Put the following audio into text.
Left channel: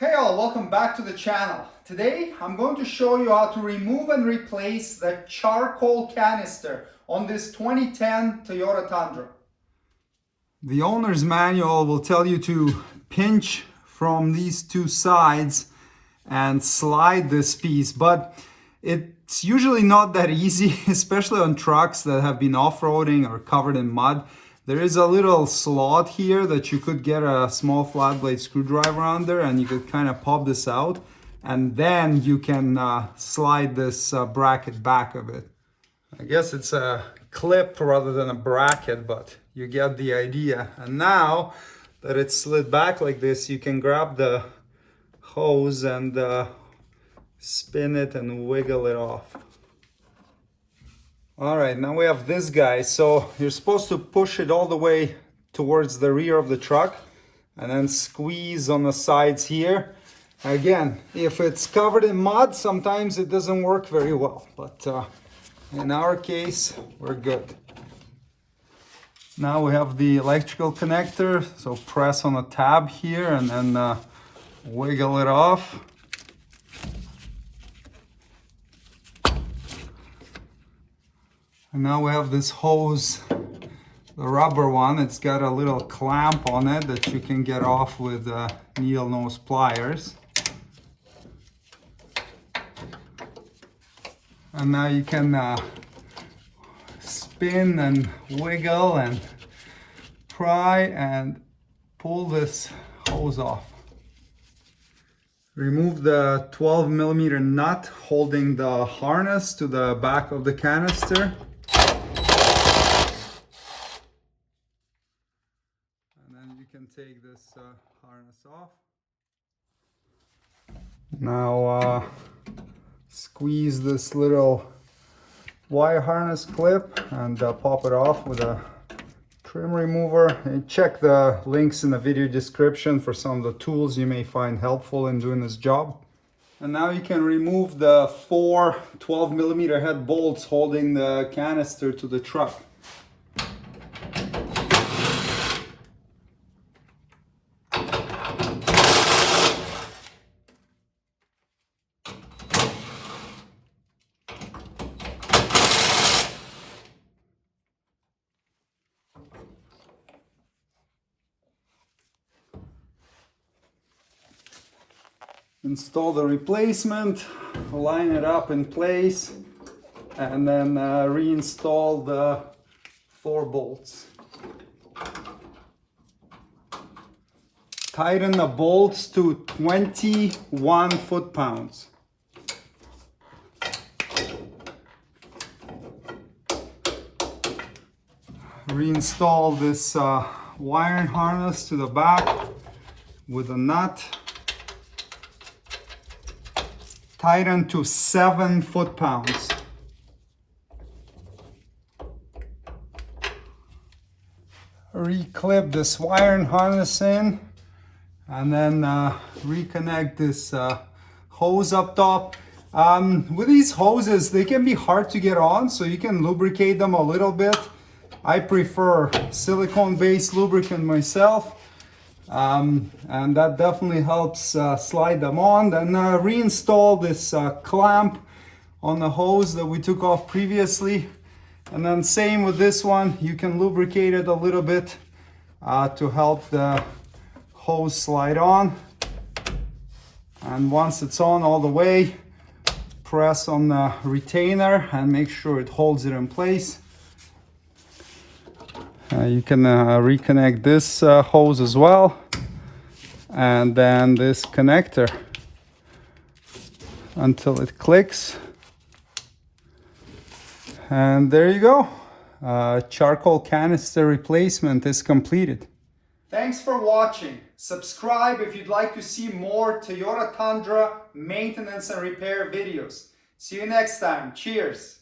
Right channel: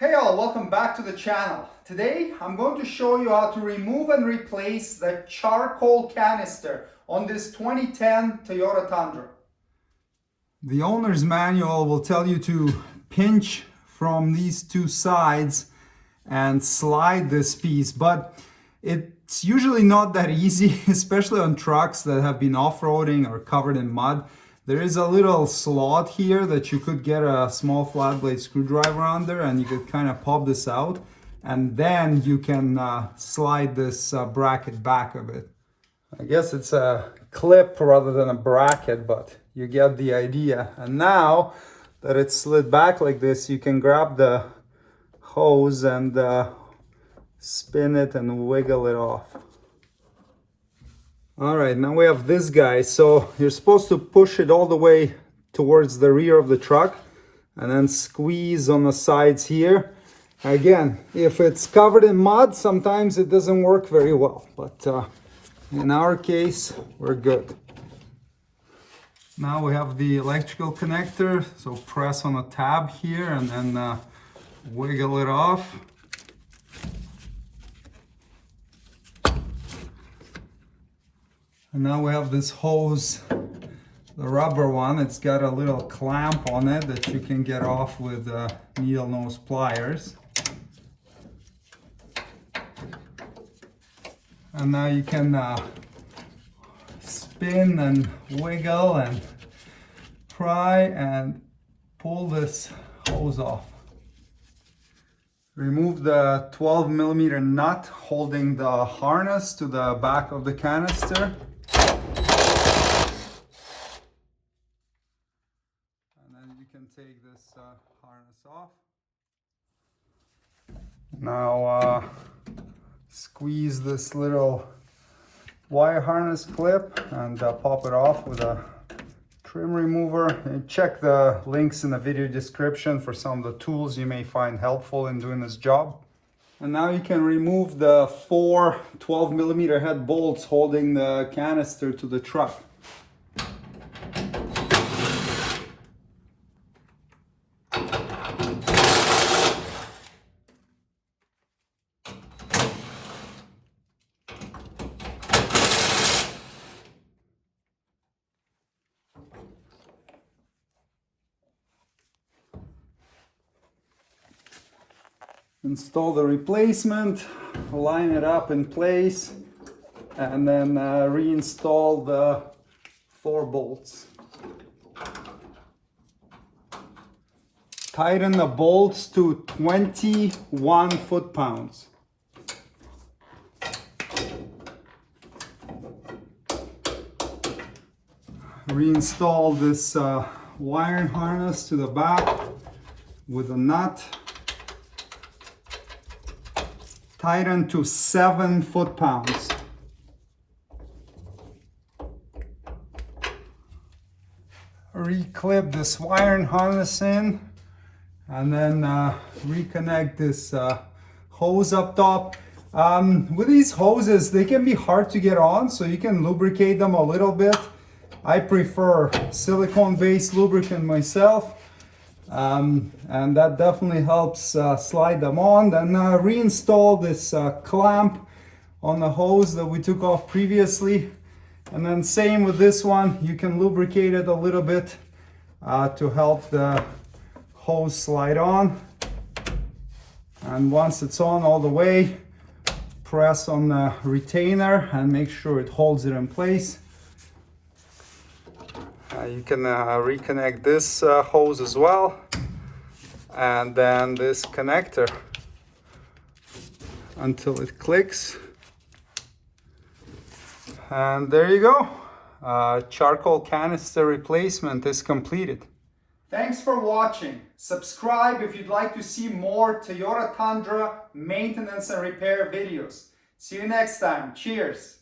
Hey all, welcome back to the channel. Today I'm going to show you how to remove and replace the charcoal canister on this 2010 Toyota Tundra. The owner's manual will tell you to pinch from these two sides and slide this piece, but it's usually not that easy, especially on trucks that have been off-roading or covered in mud. There is a little slot here that you could get a small flat blade screwdriver under, and you could kind of pop this out, and then you can slide this bracket back a bit. I guess it's a clip rather than a bracket, but you get the idea. And now that it's slid back like this, you can grab the hose and spin it and wiggle it off. All right, now we have this guy. So you're supposed to push it all the way towards the rear of the truck and then squeeze on the sides here. Again, if it's covered in mud, sometimes it doesn't work very well, but in our case, we're good. Now we have the electrical connector, so press on a tab here and then wiggle it off. And now we have this hose, the rubber one. It's got a little clamp on it that you can get off with needle nose pliers. And now you can spin and wiggle and pry and pull this hose off. Remove the 12mm nut holding the harness to the back of the canister. And then you can take this harness off. Now squeeze this little wire harness clip and pop it off with a trim remover. And check the links in the video description for some of the tools you may find helpful in doing this job. And now you can remove the 4 12mm head bolts holding the canister to the truck. Install the replacement, line it up in place, and then reinstall the 4 bolts. Tighten the bolts to 21 foot-pounds. Reinstall this wiring harness to the back with a nut. Tighten to 7 foot-pounds. Reclip this wiring harness in, and then reconnect this hose up top. With these hoses, they can be hard to get on, so you can lubricate them a little bit. I prefer silicone-based lubricant myself. And that definitely helps slide them on. Then reinstall this clamp on the hose that we took off previously. And then same with this one, you can lubricate it a little bit to help the hose slide on. And once it's on all the way, press on the retainer and make sure it holds it in place. You can reconnect this hose as well, and then this connector until it clicks. And there you go. Charcoal canister replacement is completed. Thanks for watching. Subscribe if you'd like to see more Toyota Tundra maintenance and repair videos. See you next time. Cheers.